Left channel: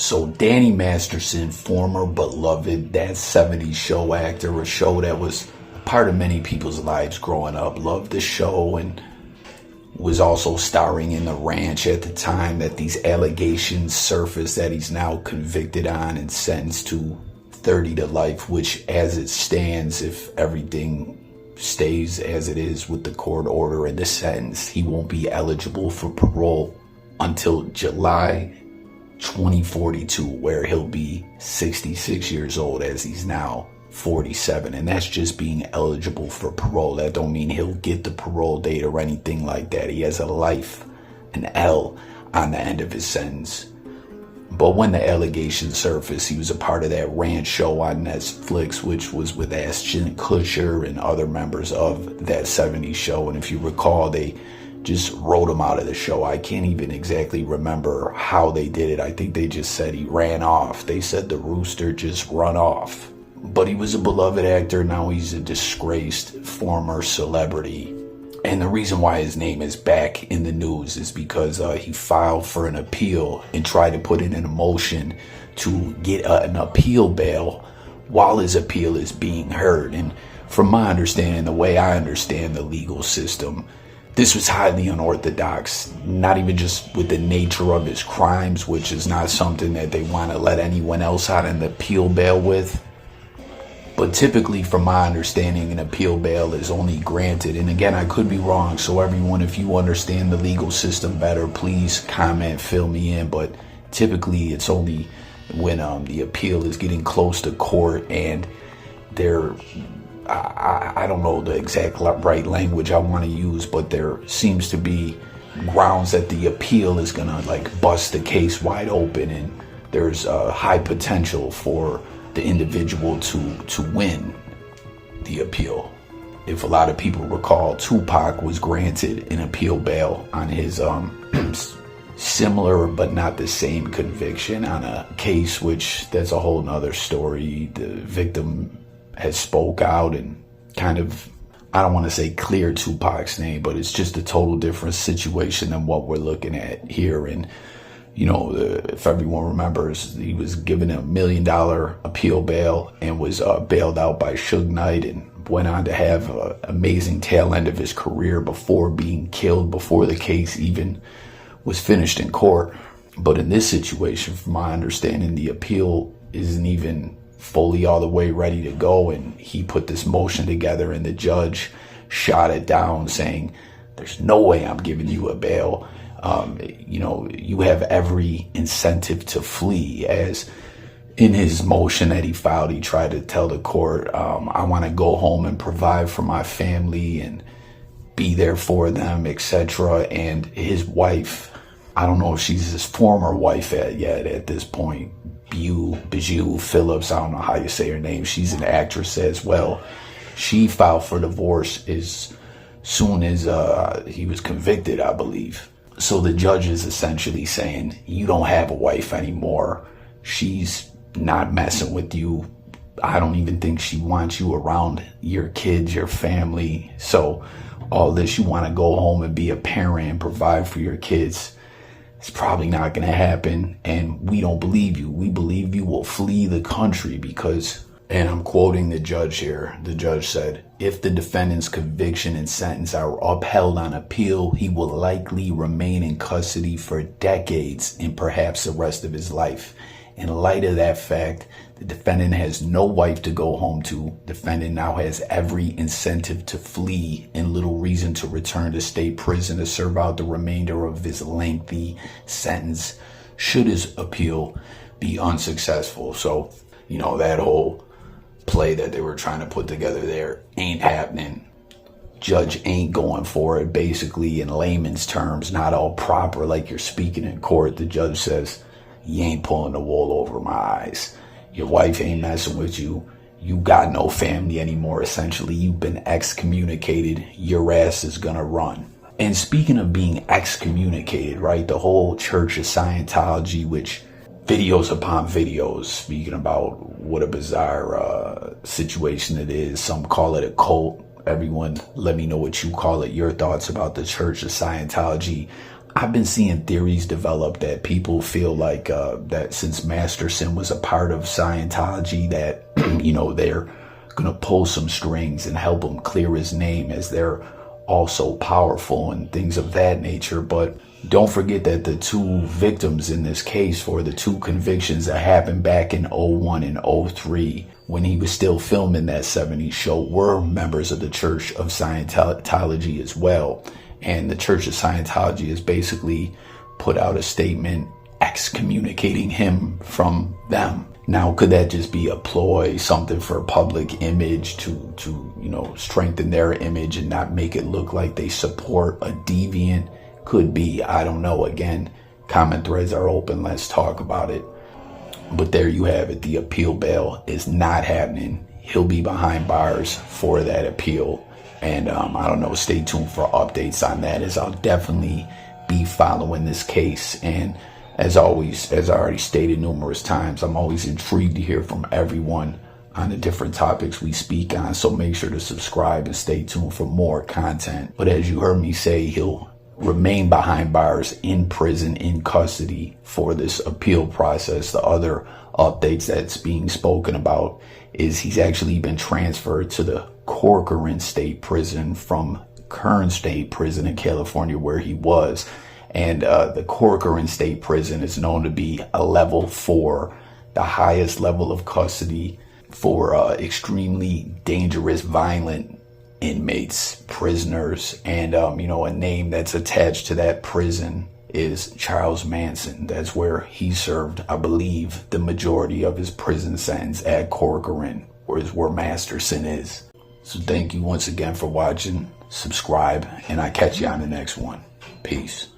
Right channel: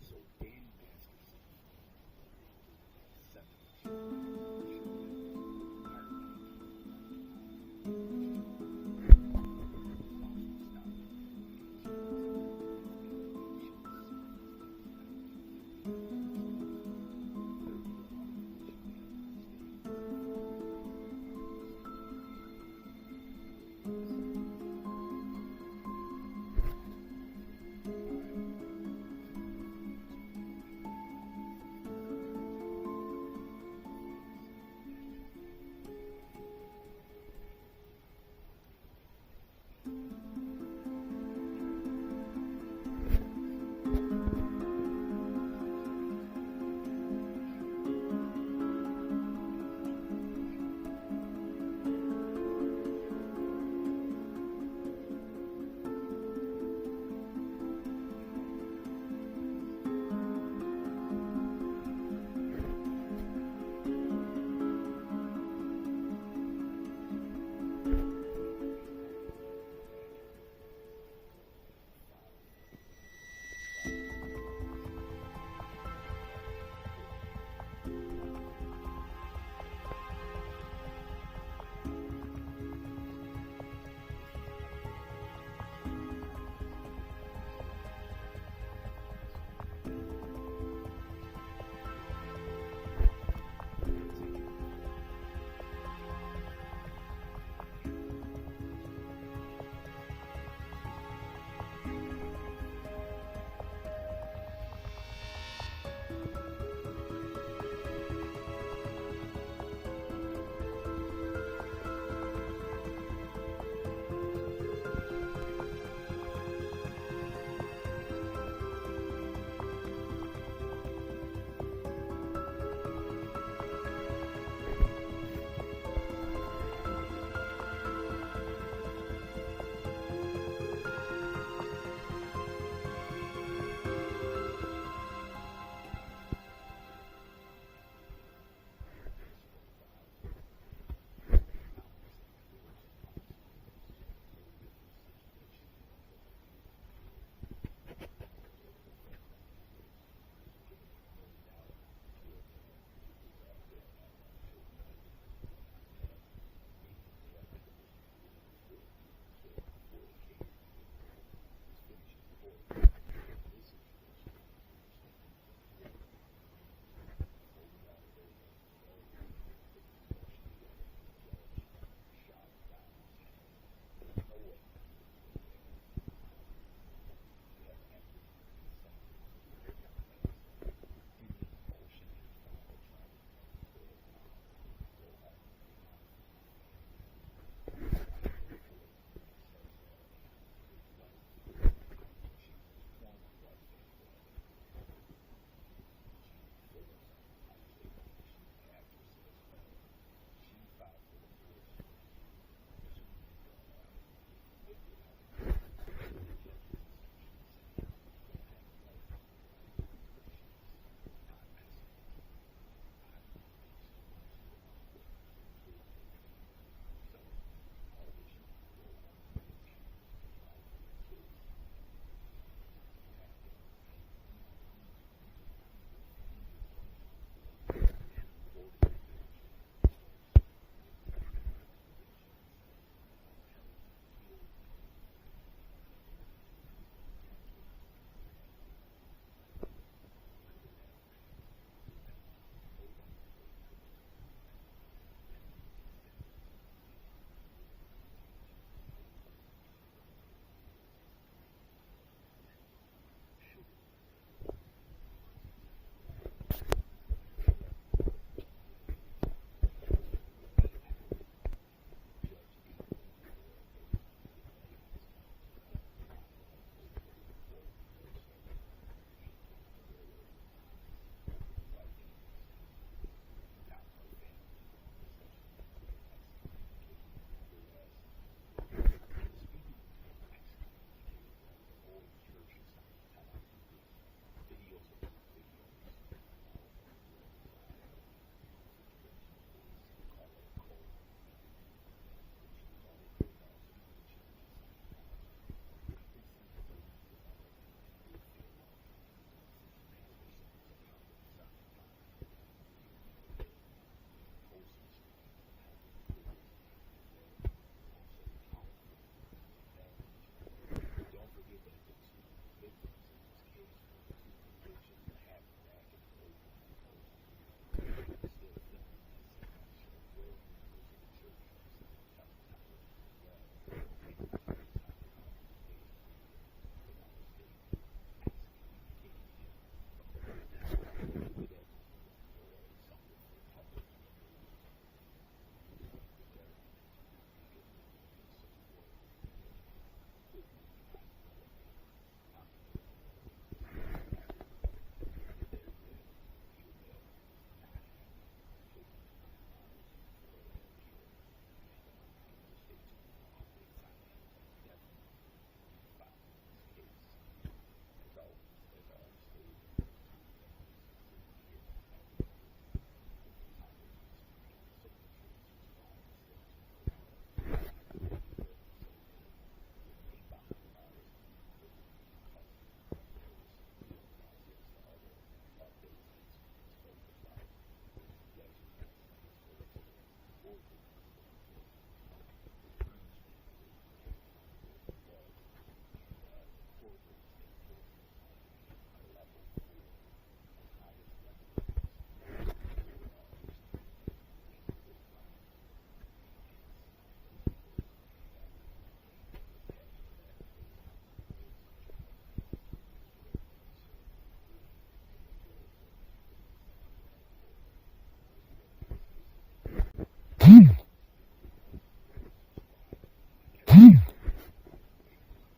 So Danny Masterson, former beloved That 70s Show actor, a show that was a part of many people's lives growing up, loved the show and was also starring in The Ranch at the time that these allegations surfaced that he's now convicted on and sentenced to 30 to life, which as it stands, if everything stays as it is with the court order and the sentence, he won't be eligible for parole until July 2042, where he'll be 66 years old as he's now 47, and that's just being eligible for parole. That don't mean he'll get the parole date or anything like that. He has a life, an L, on the end of his sentence. But when the allegations surfaced, he was a part of that Ranch show on Netflix, which was with Ashton Kutcher and other members of That 70s Show. And if you recall, they just wrote him out of the show. I can't even exactly remember how they did it. I think they just said he ran off. They said the rooster just run off. But he was a beloved actor. Now he's a disgraced former celebrity. And the reason why his name is back in the news is because he filed for an appeal and tried to put it in motion to get an appeal bail while his appeal is being heard. And from my understanding, the way I understand the legal system, this was highly unorthodox, not even just with the nature of his crimes, which is not something that they want to let anyone else out an appeal bail with. But typically, from my understanding, an appeal bail is only granted, and again, I could be wrong, so everyone, if you understand the legal system better, please comment, fill me in, but typically it's only when the appeal is getting close to court and I don't know the exact right language I want to use, but there seems to be grounds that the appeal is gonna bust the case wide open, and there's a high potential for the individual to win the appeal. If a lot of people recall, Tupac was granted an appeal bail on his similar but not the same conviction on a case, which that's a whole nother story. The victim has spoke out and kind of, I don't want to say clear Tupac's name, but it's just a total different situation than what we're looking at here. And you know, if everyone remembers, he was given $1 million appeal bail and was bailed out by Suge Knight and went on to have an amazing tail end of his career before being killed, before the case even was finished in court. But in this situation, from my understanding, the appeal isn't even fully all the way ready to go, and he put this motion together and the judge shot it down saying, there's no way I'm giving you a bail. You have every incentive to flee. As in his motion that he filed, he tried to tell the court, I want to go home and provide for my family and be there for them, etc. And his wife, I don't know if she's his former wife yet at this point, Bijou Phillips, I don't know how you say her name. She's an actress as well. She filed for divorce as soon as he was convicted, I believe. So the judge is essentially saying, you don't have a wife anymore. She's not messing with you. I don't even think she wants you around your kids, your family. So all this, you want to go home and be a parent and provide for your kids, it's probably not going to happen. And we don't believe you. We believe you will flee the country because, and I'm quoting the judge here, the judge said, if the defendant's conviction and sentence are upheld on appeal, he will likely remain in custody for decades and perhaps the rest of his life. In light of that fact, the defendant has no wife to go home to. Defendant now has every incentive to flee and little reason to return to state prison to serve out the remainder of his lengthy sentence should his appeal be unsuccessful. So, that whole play that they were trying to put together there ain't happening. Judge ain't going for it. Basically, in layman's terms, not all proper like you're speaking in court. The judge says, you ain't pulling the wool over my eyes. Your wife ain't messing with you. You got no family anymore. Essentially, you've been excommunicated. Your ass is gonna run. And speaking of being excommunicated, right, the whole Church of Scientology, which videos upon videos speaking about what a bizarre situation it is. Some call it a cult. Everyone, let me know what you call it. Your thoughts about the Church of Scientology. I've been seeing theories develop that people feel like that since Masterson was a part of Scientology, that they're gonna pull some strings and help him clear his name, as they're also powerful and things of that nature. But don't forget that the two victims in this case for the two convictions that happened back in '01 and '03, when he was still filming that '70s show, were members of the Church of Scientology as well. And the Church of Scientology has basically put out a statement excommunicating him from them. Now, could that just be a ploy, something for public image to strengthen their image and not make it look like they support a deviant? Could be. I don't know. Again, comment threads are open. Let's talk about it. But there you have it. The appeal bail is not happening. He'll be behind bars for that appeal. And I don't know, stay tuned for updates on that, as I'll definitely be following this case. And as always, as I already stated numerous times, I'm always intrigued to hear from everyone on the different topics we speak on. So make sure to subscribe and stay tuned for more content. But as you heard me say, he'll remain behind bars in prison, in custody for this appeal process. The other updates that's being spoken about is he's actually been transferred to the Corcoran State Prison from Kern State Prison in California, where he was. And the Corcoran State Prison is known to be a level 4, the highest level of custody for extremely dangerous, violent inmates, prisoners. And a name that's attached to that prison is Charles Manson. That's where he served, I believe, the majority of his prison sentence, at Corcoran, where Masterson is. So thank you once again for watching. Subscribe, and I catch you on the next one. Peace.